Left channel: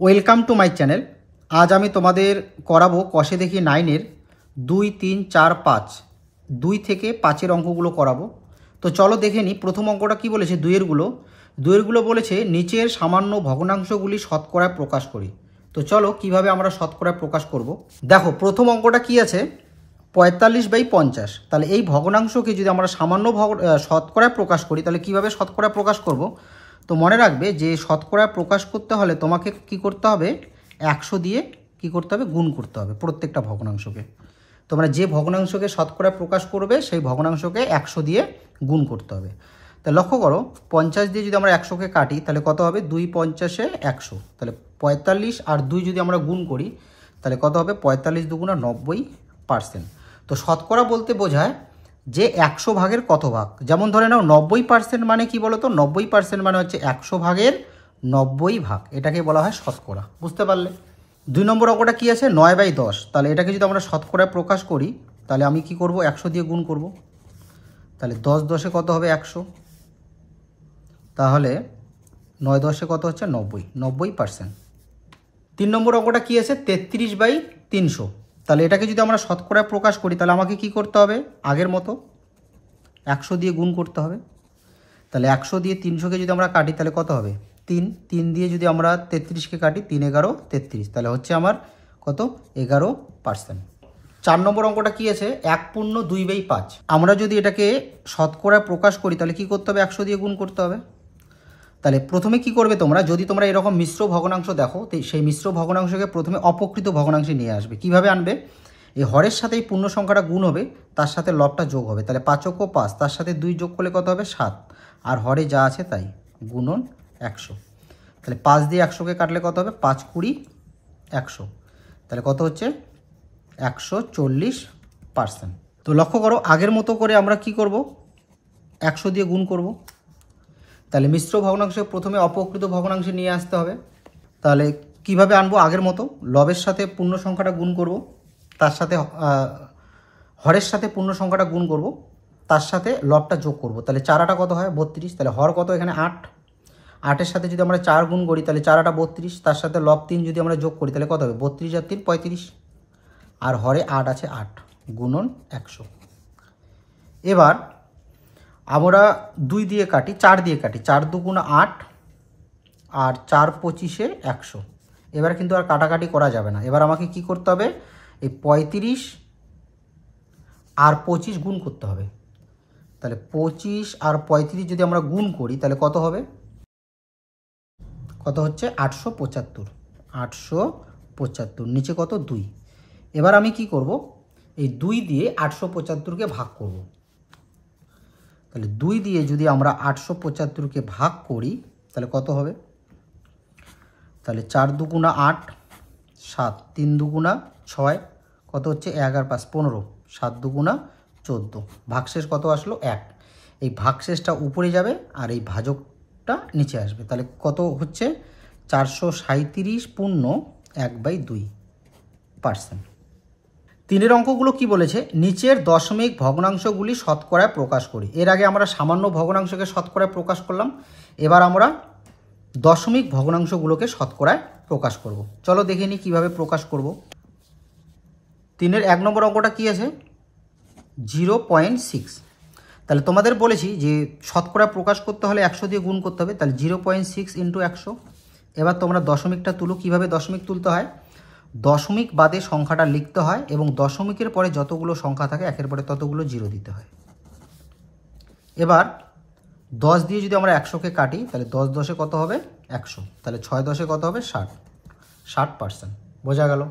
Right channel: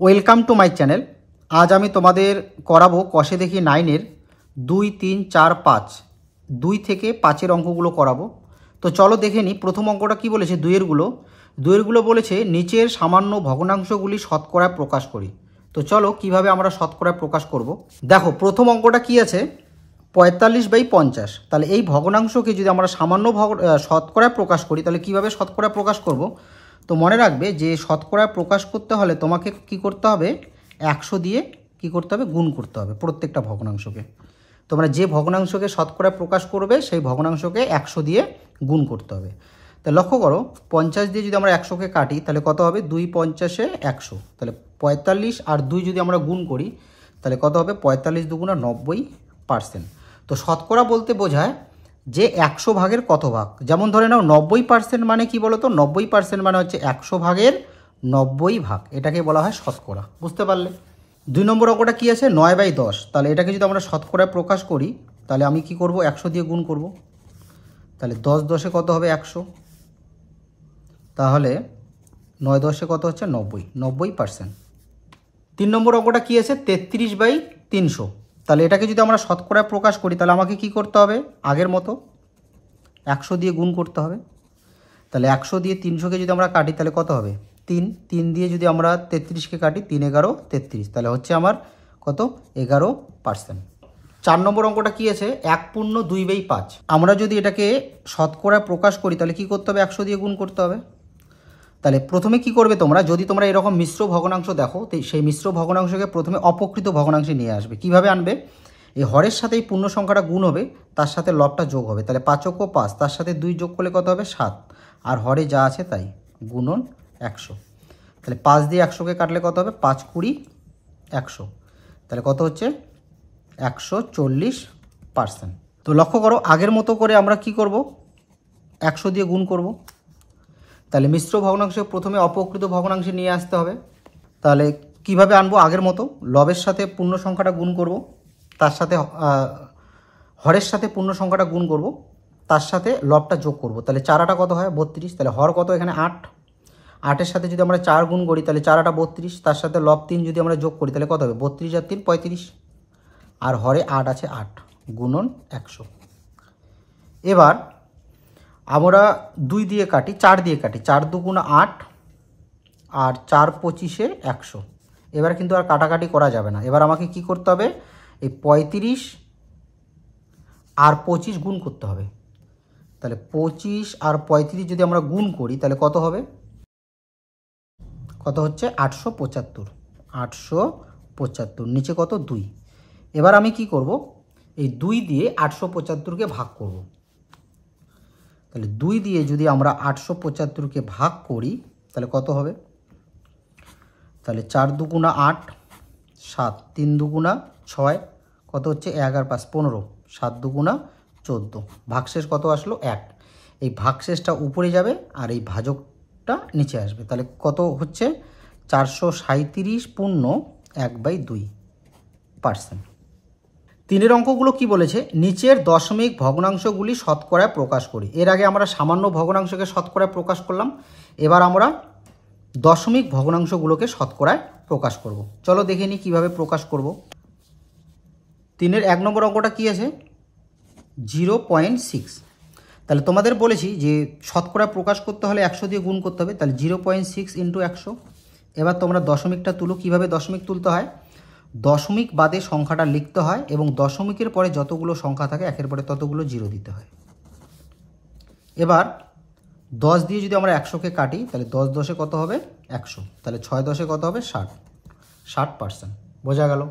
Welcome to my channel. আজ আমি তোমাদের করাবো কষে দেখি 9-এর 2, 3, 4, 5 2 থেকে 5-এর অঙ্কগুলো করাবো। তো চলো দেখে নিই। প্রথম অঙ্কটা কি বলেছে? দুইয়েরগুলো বলেছে নিচের সামান্য ভগ্নাংশগুলি শতকরায় প্রকাশ করি। তো চলো কিভাবে আমরা শতকরায় প্রকাশ করব। দেখো প্রথম অঙ্কটা কি আছে, 45/50। তাহলে এই ভগ্নাংশকে যদি আমরা সামান্য শতকরায় প্রকাশ করি তাহলে কিভাবে শতকরায় প্রকাশ করব। তো মনে রাখবে যে শতকরায় প্রকাশ করতে হলে তোমাকে কি করতে হবে, 100 দিয়ে কি করতে হবে, গুণ করতে হবে প্রত্যেকটা ভগ্নাংশকে। তোমরা যে ভগ্নাংশকে শতকরায় প্রকাশ করবে সেই ভগ্নাংশকে 100 দিয়ে গুণ করতে হবে। তা লক্ষ্য করো, 50 দিয়ে যদি আমরা 100কে কাটি তাহলে কত হবে, 2 50-এ 100। তাহলে 45 আর 2 যদি আমরা গুণ করি তাহলে কত হবে, 45 দুগুণা 90%। তো শতকরা বলতে বোঝায় যে 100 ভাগের কত ভাগ। যেমন ধরে নাও 90% মানে কি বলো তো, 90% মানে হচ্ছে 100 ভাগের 90 ভাগ, এটাকে বলা হয় শতকরা। বুঝতে পারলে? 2 নম্বর অঙ্কটা কি আছে, 9/10। তাহলে এটাকে যদি আমরা শতকরায় প্রকাশ করি তাহলে আমি কি করব, 100 দিয়ে গুণ করব। তাহলে 10 10-এ কত হবে, 100। তাহলে 9 10-এ কত হচ্ছে, 90%। 3 নম্বর অঙ্কটা কি আছে, 33/300। তাহলে এটাকে যদি আমরা শতকরায় প্রকাশ করি তাহলে আমাকে কি করতে হবে, আগের মতো 100 দিয়ে গুণ করতে হবে। তাহলে 100 দিয়ে 300-কে যদি আমরা কাটি তাহলে কত হবে, 3 দিয়ে যদি আমরা 33-কে কাটি, 3 11 33, তাহলে হচ্ছে আমার কত, 11%। 4 নম্বর অঙ্কটা কি আছে, 1/2/5। আমরা যদি এটাকে শতকরায় প্রকাশ করি তাহলে কি করতে হবে, 100 দিয়ে গুণ করতে হবে। তাহলে প্রথমে কি করবে তোমরা, যদি তোমরা এরকম মিশ্র ভগ্নাংশ দেখো তো সেই মিশ্র ভগ্নাংশকে প্রথমে অপকৃত ভগ্নাংশে নিয়ে আসবে। কিভাবে আনবে, এই হরের সাথে এই পূর্ণ সংখ্যাটা গুণ হবে, তার সাথে লবটা যোগ হবে। তাহলে 5 × 5, তার সাথে 2 যোগ করলে কত হবে, 7। আর হরে যা আছে তাই, গুণন 100। তাহলে 5 দিয়ে 100-কে কাটলে কত হবে, 5 20 100। তাহলে কত হচ্ছে, 140%। তো লক্ষ্য করো, আগের মতো করে আমরা কি করব, 100 দিয়ে গুণ করব। তাহলে মিশ্র ভগ্নাংশে প্রথমে অপকৃত ভগ্নাংশে নিয়ে আসতে হবে। তাহলে কিভাবে আনবো, আগের মতো লবের সাথে পূর্ণ সংখ্যাটা গুণ করব, তার সাথে হরের সাথে পূর্ণ সংখ্যাটা গুণ করব, তার সাথে লবটা যোগ করব। তাহলে 4 কত হয়, 32। তাহলে হর কত, এখানে 8। 8-এর সাথে যদি আমরা 4 গুণ করি তাহলে 4 32, তার সাথে লব 3 যদি আমরা যোগ করি তাহলে কত হবে, 32 আর 3 35। আর হরে 8 আছে, 8 গুণন 100। এবার আমরা 2 দিয়ে কাটি, 4 দিয়ে কাটি, 4 দুগুণা 8 আর 4 25-এ 100। এবার কিন্তু আর কাটাকাটি করা যাবে না। এবার আমাকে কি করতে হবে, এই 35 আর 25 গুণ করতে হবে। তাহলে 25 আর 35 যদি আমরা গুণ করি তাহলে কত হবে, কত হচ্ছে, 875। 875, নিচে কত, 2। এবার আমি কি করব, এই 2 দিয়ে 875-কে ভাগ করব। তাহলে 2 দিয়ে যদি আমরা 875-কে ভাগ করি তাহলে কত হবে, তাহলে 4 দুগুণা 8, 7, 3 দুগুণা 6, কত হচ্ছে, 1 আর 5 15, 7 দুগুণা 14, ভাগশেষ কত আসলো, 1। এই ভাগশেষটা উপরে যাবে আর এই ভাজকটা নিচে আসবে। তাহলে কত হচ্ছে, 437 পূর্ণ 1/2%। 3-এর অঙ্কগুলো কি বলেছে, নিচের দশমিক ভগ্নাংশগুলি শতকরায় প্রকাশ করি। এর আগে আমরা সামান্য ভগ্নাংশকে শতকরায় প্রকাশ করলাম, এবার আমরা দশমিক ভগ্নাংশগুলোকে শতকরায় প্রকাশ করব। চলো দেখে নিই কীভাবে প্রকাশ করব। 3-এর 1 নম্বর অঙ্কটা কি আছে, 0.6। তাহলে তোমাদের বলেছি যে শতকরায় প্রকাশ করতে হলে 100 দিয়ে গুণ করতে হবে। তাহলে 0.6 × 100। এবার তোমরা দশমিকটা তুলো। কিভাবে দশমিক তুলতে হয়, দশমিক বাদে সংখ্যাটা লিখতে হয় এবং দশমিকের পরে যতগুলো সংখ্যা থাকে একের পরে ততগুলো 0 দিতে হয়। এবার 10 দিয়ে যদি আমরা 100-কে কাটি তাহলে 10 10-এ কত হবে, 100। তাহলে 6 10-এ কত হবে, 60%। বোঝা গেল।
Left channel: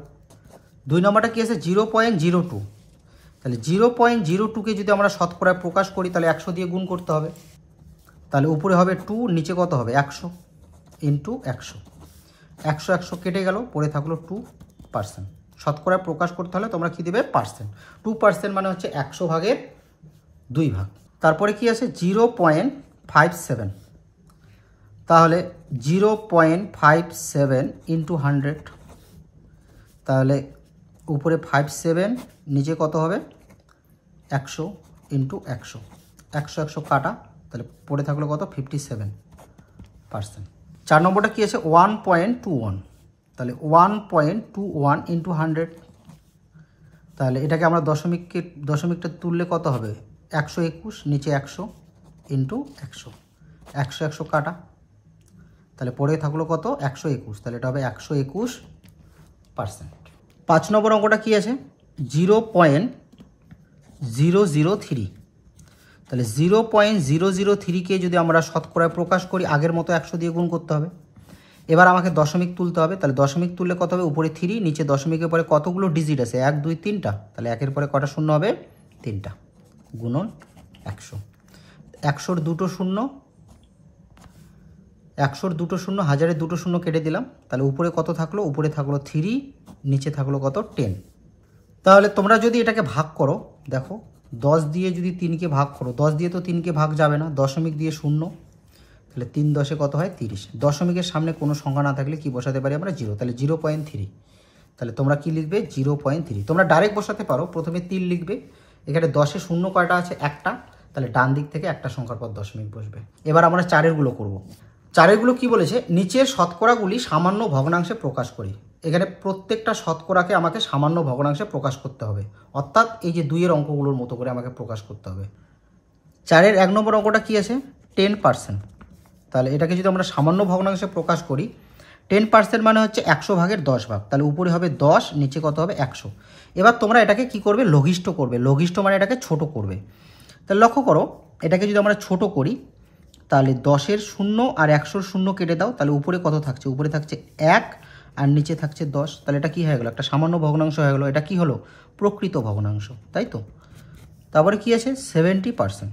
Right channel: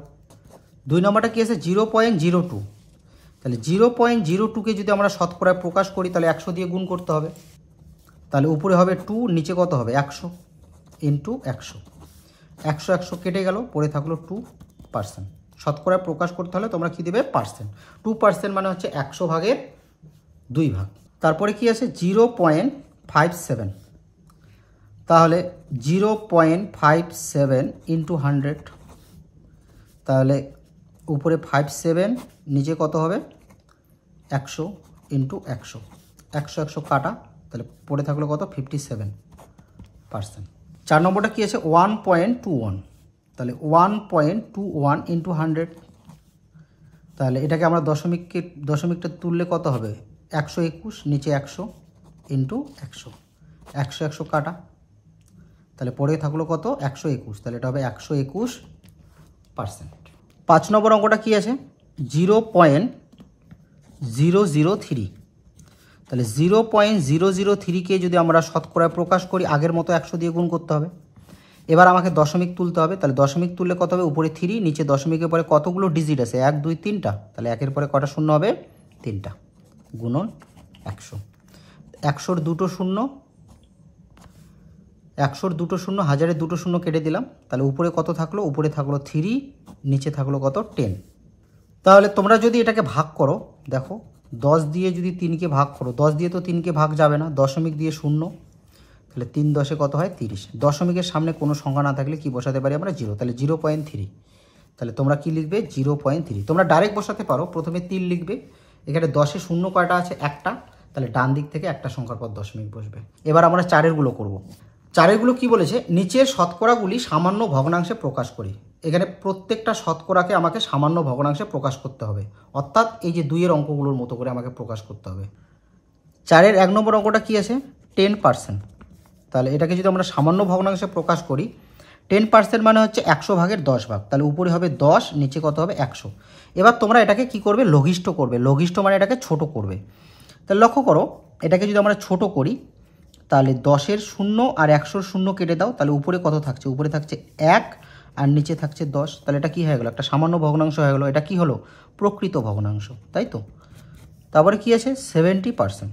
2 নম্বরটা কি আছে, 0.02। তাহলে 0.02-কে যদি আমরা শতকরায় প্রকাশ করি তাহলে 100 দিয়ে গুণ করতে হবে। তাহলে উপরে হবে 2, নিচে কত হবে, 100 × 100। 100 100 কেটে গেল, পড়ে থাকলো 2%। শতকরায় প্রকাশ করতে হলে তোমরা কি দেবে, পার্সেন্ট। 2% মানে হচ্ছে 100 ভাগের 2 ভাগ। তারপরে কি আছে, 0.57। তাহলে 0.57 × 100। তাহলে উপরে 57, নিচে কত হবে, 100 × 100। 100 100 কাটা, তাহলে পড়ে থাকলো কত, 57%। 4 নম্বরটা কি আছে, 1.21। তাহলে 1.21 ইন্টু 100, তাহলে এটাকে আমরা দশমিকটা তুললে কত হবে? 121, নিচে 100 ইন্টু 100, 100 100 কাটা, তাহলে পরে থাকলো কত? 121, তাহলে এটা হবে 121%। 5 নম্বর অঙ্কটা কি আছে? 0.003, তাহলে 0.003কে যদি আমরা শতকরায় প্রকাশ করি আগের মতো 100 দিয়ে গুণ করতে হবে। এবার আমাকে দশমিক তুলতে হবে, তাহলে দশমিক তুললে কত হবে? উপরে 3, নিচে দশমিকের পরে কতগুলো ডিজিট আছে? 1 2 3টা, তাহলে একের পরে কটা শূন্য হবে? 3টা, গুণন 100। 100-র দুটো শূন্য, 100-র দুটো শূন্য, 1000-এর দুটো শূন্য কেটে দিলাম, তাহলে উপরে কত থাকলো? উপরে থাকলো 3, নিচে থাকলো কত? 10। তাহলে তোমরা যদি এটাকে ভাগ করো, দেখো 10 দিয়ে যদি 3কে ভাগ করো, 10 দিয়ে তো 3কে ভাগ যাবে না, দশমিক দিয়ে শূন্য, তাহলে 3 10-এ কত হয়? 30। দশমিকের সামনে কোনো সংখ্যা না থাকলে কি বসাতে পারি আমরা? 0, তাহলে 0.3। তাহলে তোমরা কি লিখবে? 0.3। তোমরা ডাইরেক্ট বসাতে পারো, প্রথমে 3 লিখবে, এখানে 10-এ শূন্য কয়টা আছে? একটা, তাহলে ডান দিক থেকে একটা সংখ্যার পর দশমিক বসবে। এবার আমরা 4-এরগুলো করব। 4-এরগুলো কি বলেছে? নিচের শতকরাগুলি সামান্য ভগ্নাংশে প্রকাশ করি। এখানে প্রত্যেকটা শতকরাকে আমাকে সামান্য ভগ্নাংশে প্রকাশ করতে হবে, অর্থাৎ এই যে 2-এর অঙ্কগুলোর মতো করে আমাকে প্রকাশ করতে হবে। 4-এর 1 নম্বর অঙ্কটা কি আছে? 10%। তাহলে এটাকে যদি আমরা সামান্য ভগ্নাংশে প্রকাশ করি, 10% মানে হচ্ছে 100 ভাগের 10 ভাগ, তাহলে উপরে হবে 10, নিচে কত হবে? 100। এবার তোমরা এটাকে কি করবে? লঘিষ্ঠ করবে। লঘিষ্ঠ মানে এটাকে ছোট করবে। তাহলে লক্ষ্য করো, এটাকে যদি আমরা ছোট করি, তাহলে 10-এর শূন্য আর 100-র শূন্য কেটে দাও, তাহলে উপরে কত থাকছে? উপরে থাকছে 1 আর নিচে থাকছে 10, তাহলে এটা কি হয়ে গেলো? একটা সামান্য ভগ্নাংশ হয়ে গেলো। এটা কি হলো? প্রকৃত ভগ্নাংশ, তাই তো? তারপরে কি আছে? 70%।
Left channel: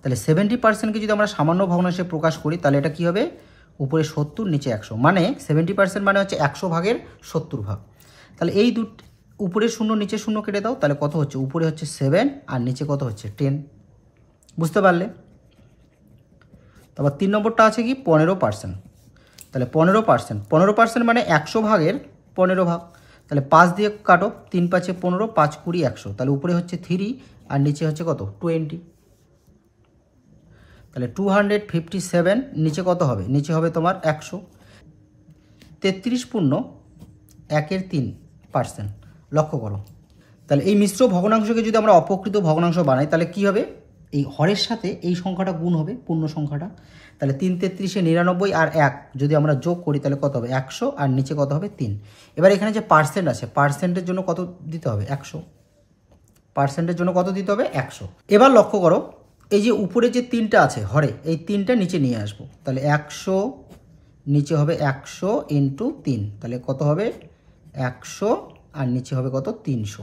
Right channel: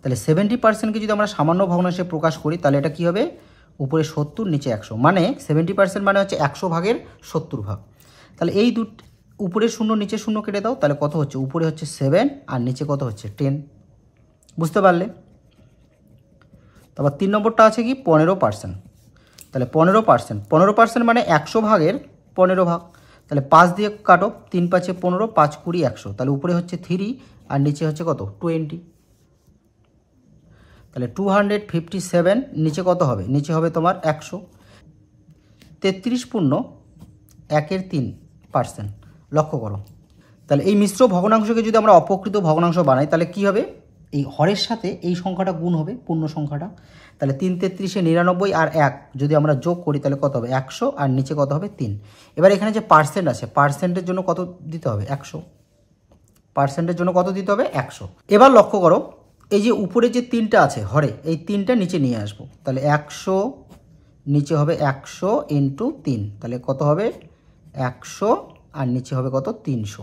তাহলে 70%কে যদি আমরা সামান্য ভগ্নাংশে প্রকাশ করি, তাহলে এটা কি হবে? উপরে 70, নিচে 100, মানে 70% মানে হচ্ছে 100 ভাগের 70 ভাগ। তাহলে এই উপরে শূন্য নিচে শূন্য কেটে দাও, তাহলে কত হচ্ছে? উপরে হচ্ছে 7 আর নিচে কত হচ্ছে? 10। বুঝতে পারলে? তারপর 3 নম্বরটা আছে কি? 15%। তাহলে 15% মানে 100 ভাগের 15 ভাগ, তাহলে 5 দিয়ে কাটো, 3 5 15, 5 20 100, তাহলে উপরে হচ্ছে 3 আর নিচে হচ্ছে কত? 20। তাহলে 257, নিচে কত হবে? নিচে হবে তোমার 100। 33.13%। লক্ষ্য করো, তাহলে এই মিশ্র ভগ্নাংশকে যদি আমরা অপকৃত ভগ্নাংশ বানাই, তাহলে কি হবে? এই হরের সাথে এই সংখ্যাটা গুণ হবে, পূর্ণ সংখ্যাটা। তাহলে 3 33-এ 99 আর 1 যদি আমরা যোগ করি, তাহলে কত হবে? 100 আর নিচে কত হবে? 3। এবার এখানে যে পার্সেন্ট আছে, পার্সেন্টের জন্য কত দিতে হবে? 100। পার্সেন্টের জন্য কত দিতে হবে? 100। এবার লক্ষ্য করো, এই যে উপরে যে 3টা আছে হরে, এই 3টা নিচে নিয়ে আসবো, তাহলে 100, নিচে হবে 100 ইন্টু 3, তাহলে কত হবে? 100 আর নিচে হবে কত? 300।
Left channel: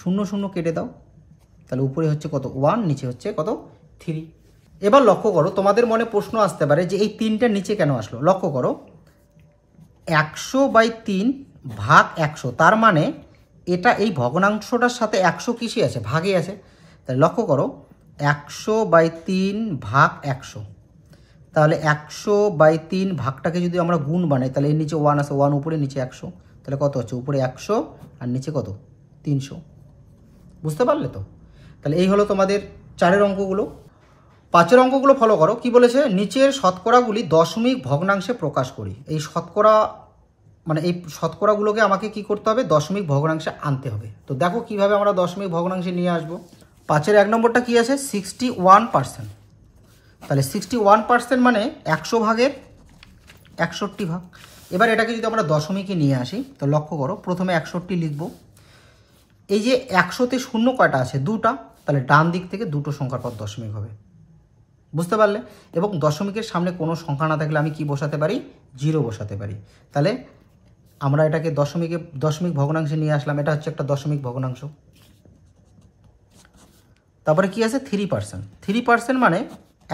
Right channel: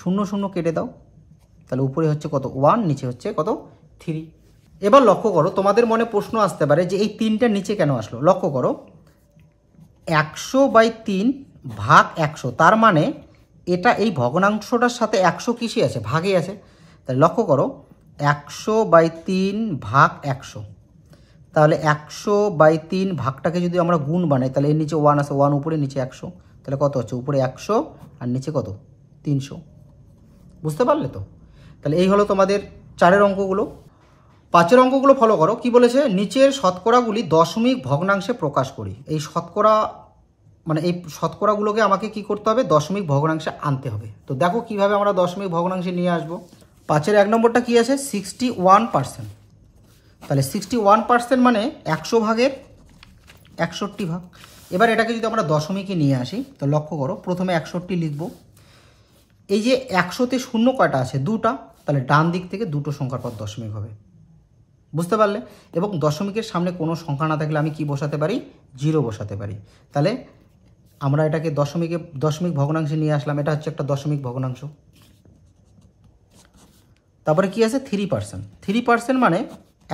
0 0 কেটে দাও, তাহলে উপরে হচ্ছে কত? 1, নিচে হচ্ছে কত? 3। এবার লক্ষ্য করো, তোমাদের মনে প্রশ্ন আসতে পারে যে এই 3টা নিচে কেন আসলো? লক্ষ্য করো, 100/3 ভাগ 100, তার মানে এটা এই ভগ্নাংশটার সাথে 100 কিসে আছে? ভাগে আছে। তাহলে লক্ষ্য করো, 100/3 ভাগ 100, তাহলে 100/3 ভাগটাকে যদি আমরা গুণ বানাই, তাহলে এর নিচে 1 আছে, 1 উপরে, নিচে 100, তাহলে কত হচ্ছে? উপরে 100 আর নিচে কত? 300। বুঝতে পারলে তো? তাহলে এই হলো তোমাদের 4-এর অঙ্কগুলো। 5-এর অঙ্কগুলো ফলো করো। কি বলেছে? নিচের শতকরাগুলি দশমিক ভগ্নাংশে প্রকাশ করি। এই শতকরা মানে এই শতকরাগুলোকে আমাকে কি করতে হবে? দশমিক ভগ্নাংশে আনতে হবে। তো দেখো কিভাবে আমরা দশমিক ভগ্নাংশে নিয়ে আসবো। 5-এর 1 নম্বরটা কি আছে? 61%। তাহলে 61% মানে 100 ভাগের 61 ভাগ। এবার এটাকে যদি আমরা দশমিকে নিয়ে আসি, তো লক্ষ্য করো, প্রথমে 61 লিখব। এই যে 100-তে শূন্য কয়টা আছে? 2টা, তাহলে ডান দিক থেকে দুটো সংখ্যার পর দশমিক হবে। বুঝতে পারলে? এবং দশমিকের সামনে কোনো সংখ্যা না থাকলে আমি কি বসাতে পারি? 0 বসাতে পারি। তাহলে আমরা এটাকে দশমিক ভগ্নাংশে নিয়ে আসলাম। এটা হচ্ছে একটা দশমিক ভগ্নাংশ। তারপরে কি আছে? 3%। 3% মানে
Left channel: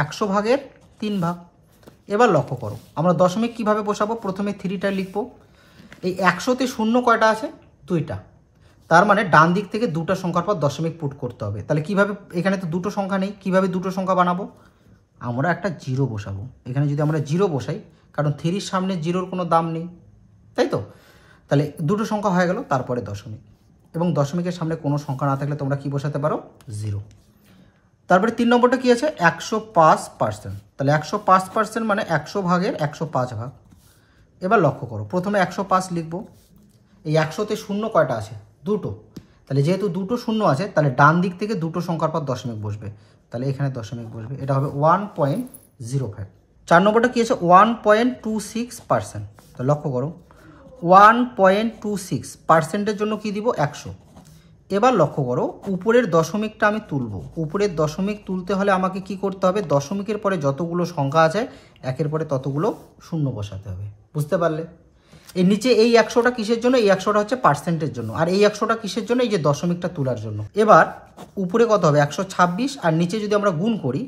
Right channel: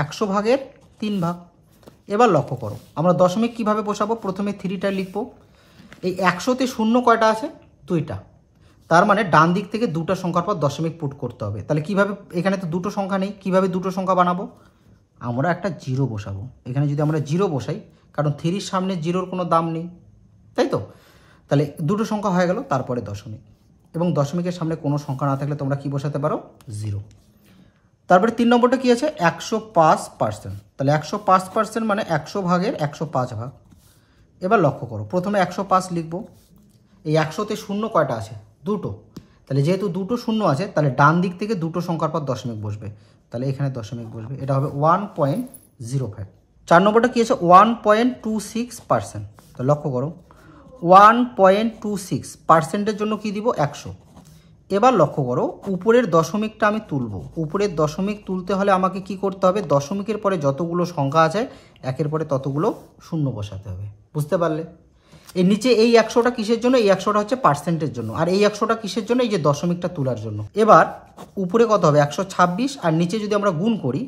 100 ভাগের 3 ভাগ। এবার লক্ষ্য করো, আমরা দশমিক কিভাবে বসাবো? প্রথমে 3টা লিখব। এই 100-তে শূন্য কয়টা আছে? 2টা, তার মানে ডান দিক থেকে দুটো সংখ্যার পর দশমিক পুট করতে হবে। তাহলে কিভাবে? এখানে তো দুটো সংখ্যা নেই, কিভাবে দুটো সংখ্যা বানাবো? আমরা একটা 0 বসাবো। এখানে যদি আমরা 0 বসাই, কারণ 3-র সামনে 0-র কোনো দাম নেই, তাই তো? তাহলে দুটো সংখ্যা হয়ে গেল, তারপরে দশমিক। এবং দশমিকের সামনে কোনো সংখ্যা না থাকলে তোমরা কি বসাতে পারো? 0। তারপরে 3 নম্বরটা কি আছে? 105%। তাহলে 105% মানে 100 ভাগের 105 ভাগ। এবার লক্ষ্য করো, প্রথমে 105 লিখব। এই 100তে শূন্য কয়টা আছে? দুটো। তাহলে যেহেতু দুটো শূন্য আছে, তাহলে ডান দিক থেকে দুটো সংখ্যার পর দশমিক বসবে, তাহলে এখানে দশমিক বসবে, এটা হবে 1.05। 4 নম্বরটা কি আছে? 1.26%। তো লক্ষ্য করো, 1.26%-এর জন্য কি দিব? 100। এবার লক্ষ্য করো, উপরের দশমিকটা আমি তুলব। উপরের দশমিক তুলতে হলে আমাকে কি করতে হবে? দশমিকের পরে যতগুলো সংখ্যা আছে একের পরে ততগুলো শূন্য বসাতে হবে। বুঝতে পারলে? এর নিচে এই 100টা কিসের জন্য? এই 100টা হচ্ছে পার্সেন্টের জন্য, আর এই 100টা কিসের জন্য? এই যে দশমিকটা তোলার জন্য। এবার উপরে কত হবে? 126, আর নিচে যদি আমরা গুণ করি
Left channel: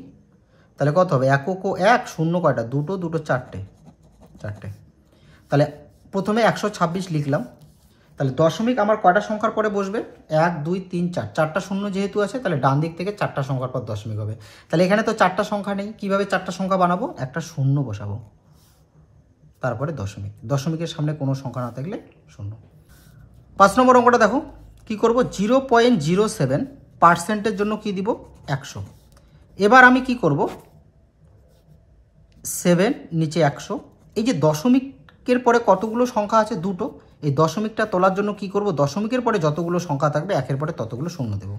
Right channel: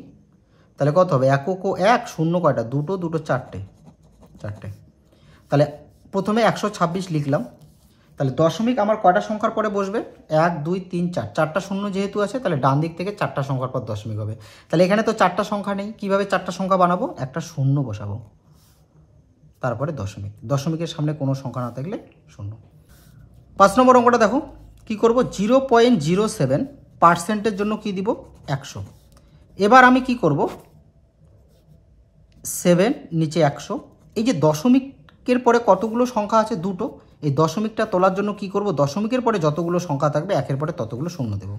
তাহলে কত হবে? একক ও এক, শূন্য কয়টা? দুটো, দুটো চারটে, চারটে। তাহলে প্রথমে 126 লিখলাম। তাহলে দশমিক আমার কয়টা সংখ্যার পরে বসবে? 1 2 3 4, চারটা শূন্য যেহেতু আছে তাহলে ডান দিক থেকে চারটা সংখ্যার পর দশমিক হবে। তাহলে এখানে তো চারটা সংখ্যা নেই, কিভাবে চারটা সংখ্যা বানাবো? একটা শূন্য বসাবো, তারপরে দশমিক, দশমিকের সামনে কোনো সংখ্যা না থাকলে শূন্য। 5 নম্বর অঙ্কটা দেখো কি করব? 0.07%-এর জন্য কি দিব? 100। এবার আমি কি করব? 7 নিচে 100, এই যে দশমিকের পরে কতগুলো সংখ্যা আছে? দুটো। এই দশমিকটা তোলার জন্য কি করব? দশমিকের পরে যতগুলো সংখ্যা থাকবে একের পরে ততগুলো শূন্য দেব।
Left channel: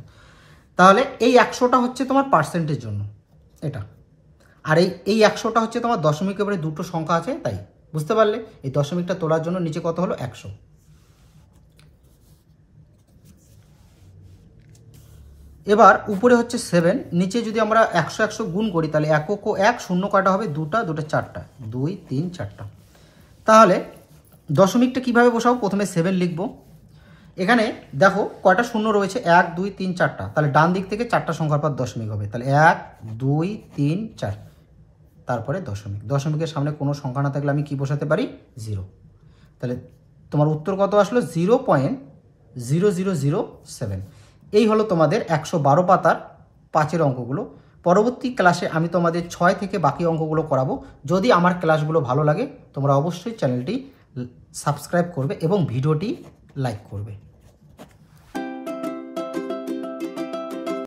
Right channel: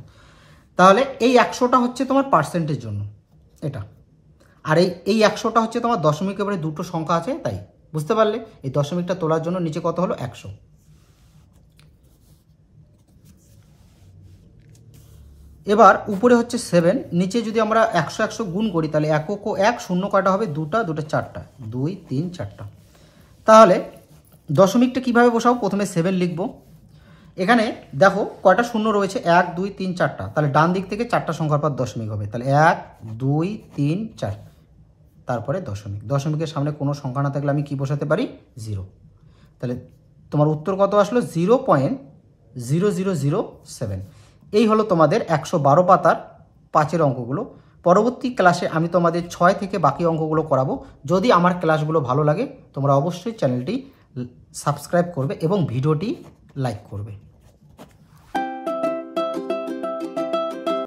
তাহলে এই 100টা হচ্ছে তোমার পার্সেন্টের জন্য, এটা। আর এই 100টা হচ্ছে তোমার দশমিকের পরে দুটো সংখ্যা আছে তাই। বুঝতে পারলে? এই দশমিকটা তোলার জন্য নিচে কত হলো? 100। এবার উপরে হচ্ছে 7, নিচে যদি আমরা 100 100 গুণ করি তাহলে একক ও এক, শূন্য কয়টা হবে? দুটা, দুটো চারটা, 2 3 4টা। তাহলে দশমিকটা কিভাবে বসাবো? প্রথমে 7 লিখব। এখানে দেখো কয়টা শূন্য রয়েছে? 1 2 3 4টা। তাহলে ডান দিক থেকে চারটা সংখ্যার পর দশমিক হবে, তাহলে 1 2 3 4, তারপরে দশমিক। দশমিকের সামনে কোনো সংখ্যা না থাকলে আমি কি বসাতে পারি? 0। তাহলে তোমার উত্তর কত আসলো? 0.0007। এই হলো তোমাদের 112 পাতার 5-এর অঙ্কগুলো। পরবর্তী ক্লাসে আমি তোমাদের 6 থেকে বাকি অঙ্কগুলো করাবো। যদি আমার ক্লাসগুলো ভালো লাগে তোমরা অবশ্যই চ্যানেলটি সাবস্ক্রাইব করবে এবং ভিডিওটি লাইক করবে।